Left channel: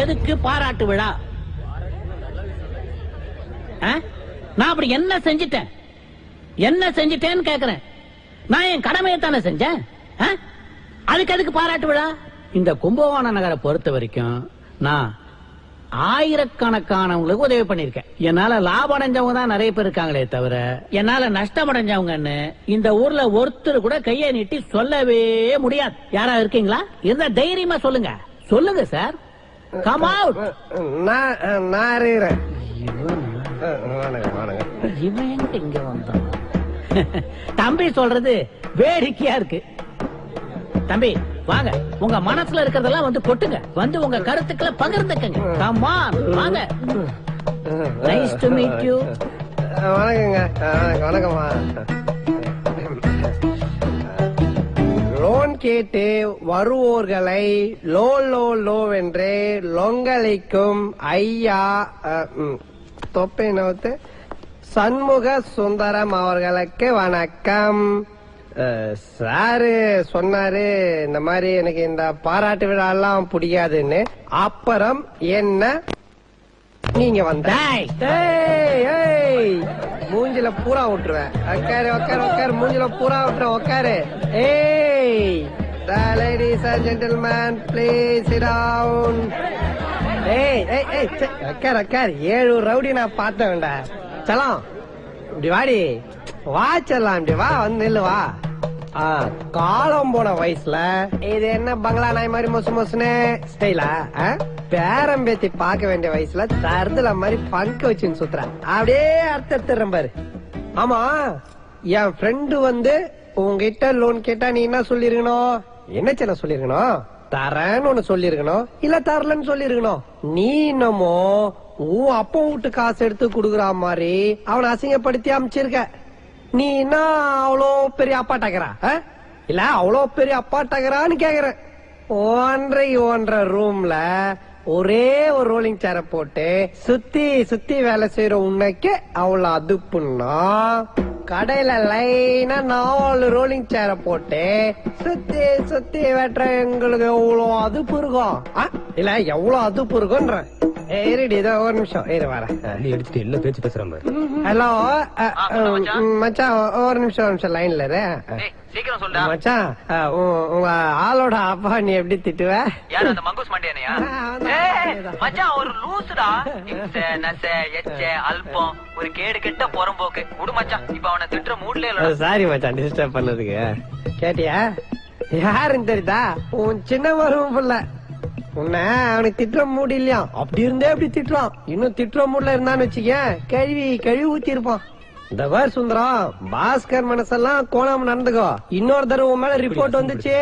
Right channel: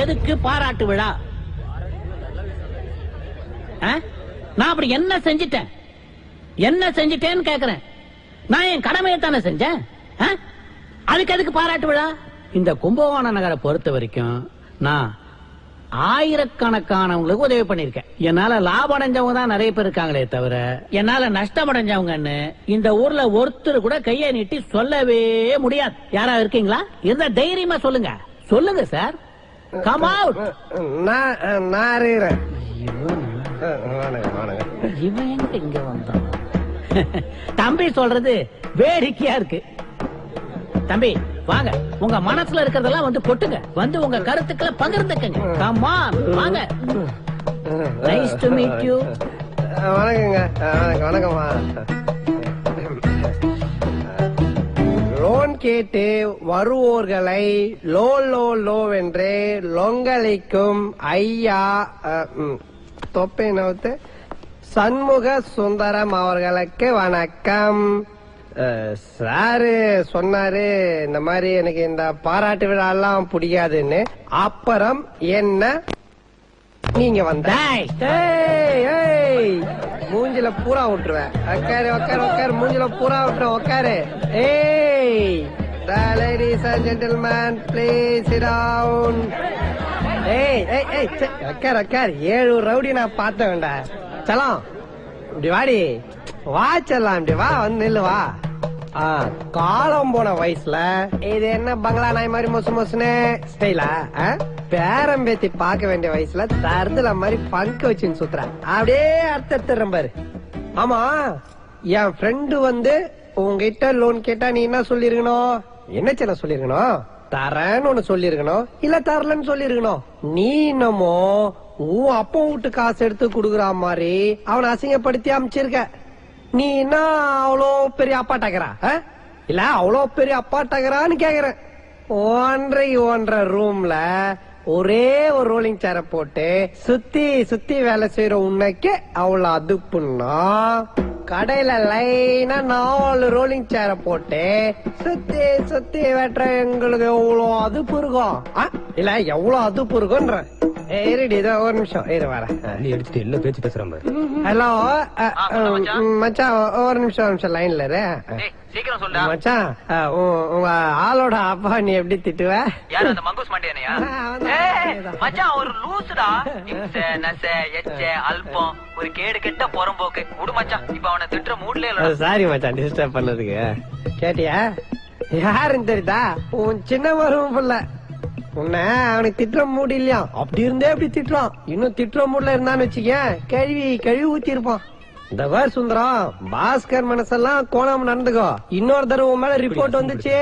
எதுக்கு பாராட்டு விழா? நான் அப்படி என்ன செஞ்சிட்டேன்னு கேக்குறேன். நான் என் கடமையை தானே செஞ்சேன். அதுக்கு எதுக்கு பாராட்டு விழா? இந்த கும்பகோணம் நகரை பொறுத்த வரைக்கும் நான் ஆயிரக்கணக்கானவங்களுக்கு உதவி பண்ணிருக்கேன். என்னால லாபம் அடைஞ்சவங்க தான் நிறைய பேர் இருக்காங்களே தவிர என்னால நஷ்டம் அடைஞ்சவங்கன்னு இந்த ஊர்ல ஒருத்தர் கூட கையை நீட்டி சொல்லவே முடியாது. யாரா இருக்கீங்களா? இருந்தா தைரியமா சொல்லுங்க. சொல்லுங்க சார். Come out. இவன் இங்க வந்தான். தம்பி சொல்றது வேடிக்கையா இருக்கு. தம்பி வாங்க, உங்க மனசுல இருக்கிறதெல்லாம் வந்து கொட்டுங்க. வந்து உங்க கருத்துக்களை பகிர்ந்துக்கங்க. கம் ஆன் வாங்க. Nice to meet you. வணக்கங்க. வணக்கம்மா. லோன் கேட்டு வருவோர்களை லோ லோ லோ வென்று லொங்கலிக்கும் ஐயா தொப்பை நோத்து சண்முக சுந்தரம் அவர்களுக்கு வணக்கம். சாரு சொன்னாரு இந்த மாதிரி எனக்கு இந்த பாராட்டு விழா எல்லாம் பிடிக்காதுன்னு. அப்புறம் என்ன நீங்க வந்த மூஞ்சில பூரா விட்டுருவேன். உக்காரு உக்காரு உக்காரு. மூஞ்சில பூரா விட்டுருவேன். உக்காரு. ஏய் ladies and gentlemen please sit down. ஏய் ஏய் ஏய் உக்காரு உக்காரு. 7 ரவுடி நான் பார்த்த வேண்டாம். சலாம் இப்படி வாடி. வா செல்லாம் இப்படி வா. வந்து நில்லு வா. காலம் போன வயசுல இது என்ன பங்களா நாய் மாதிரி மொசு மொசுன்னு ஸ்டைலா? பேரம் பேத்தி பார்க்க வேண்டிய வயசுல தருதுல மாதிரி பங்கு வச்சுன்னு சுத்துறேன். அப்படியே அர்த்தம் பாரு. ஆமா, என் ஃப்ரெண்டு வந்து உங்ககிட்ட லோன் கேட்டா நீ என்ன சொல்லிருக்கணும்? என்ன சின்ன சொல்லிருக்கணும்? தரேன்னு ஒண்ணு சொல்லிருக்கணும், இல்ல தரலன்னு சொல்லிருக்கணும். நீ என்னமோ உன் அப்பா வீட்டு காசு எடுத்து குடுக்குற மாதிரி அவனை அசிங்கப்படுத்தி அமைச்சிருக்க. நீ என்ன அவ்வளோ பெரிய அப்பாட்டாக்குறா? இல்ல அவ்வளோ பெரிய அப்பாட்டாக்குறான்னு கேக்குறேன். 1.5 ரூம்ல ஒரே ஒரு ரோலிங் சேர போட்டு சுத்தி சுத்தி வேலை செய்யற உன்னைக்கு அவ்வளவு அதுப்புன்னா, கடையில லைனா 4 ரோலிங் சேர போட்டு சுத்தி சுத்தி வெட்டுற எங்களுக்கு எவ்வளவு அதுப்பு இருக்கும்? இல்ல எவ்வளவு அதுப்பு இருக்கும்ன்ற. ஏறிடி இதோ ஒரு நிமிஷம் இரு வர. எடுத்துட்டு எல்லா பேச்சு பேசுறாங்க. ஹலோ மச்சான், ஒரு நிமிஷம் லைன்ல இரு. சீக்கிரம் சொல்டா மச்சான், உங்க ஆளோட அப்பா நீ எப்படி திட்டுவ? யார் அந்த மங்கூஸ் மண்டியானையா? மச்சான் ஒரு லூசுடா. நச எச்ச அல்பம் ஒரு கேடு கெட்ட புறம்போக்கு. விடு மச்சான், இப்ப அவனை திட்டுற மூட்ல இல்ல. சாரி மச்சான் டிஸ்டர்ப் பண்ணதுக்கு. கேட்டியா யாருன்னு தெரியுதா? உன் சின்ன மருமம் புள்ள. உன்ன அவனுக்கு திட்டுற மூடு இல்லையா? அப்படி இருந்தே அப்படி திட்டுறான். இன்னும் திட்டுற மூட்ல இருந்தான்னு வச்சுக்க கழுவி ஊத்தி இருப்பான். இந்த வேர் சுந்தரம், பாஸ்கர் மனசெல்லாம் கோணாம நடந்துக்கோ. இன்னொரு தடவை உன் மேல ரிப்போர்ட் வந்துச்சு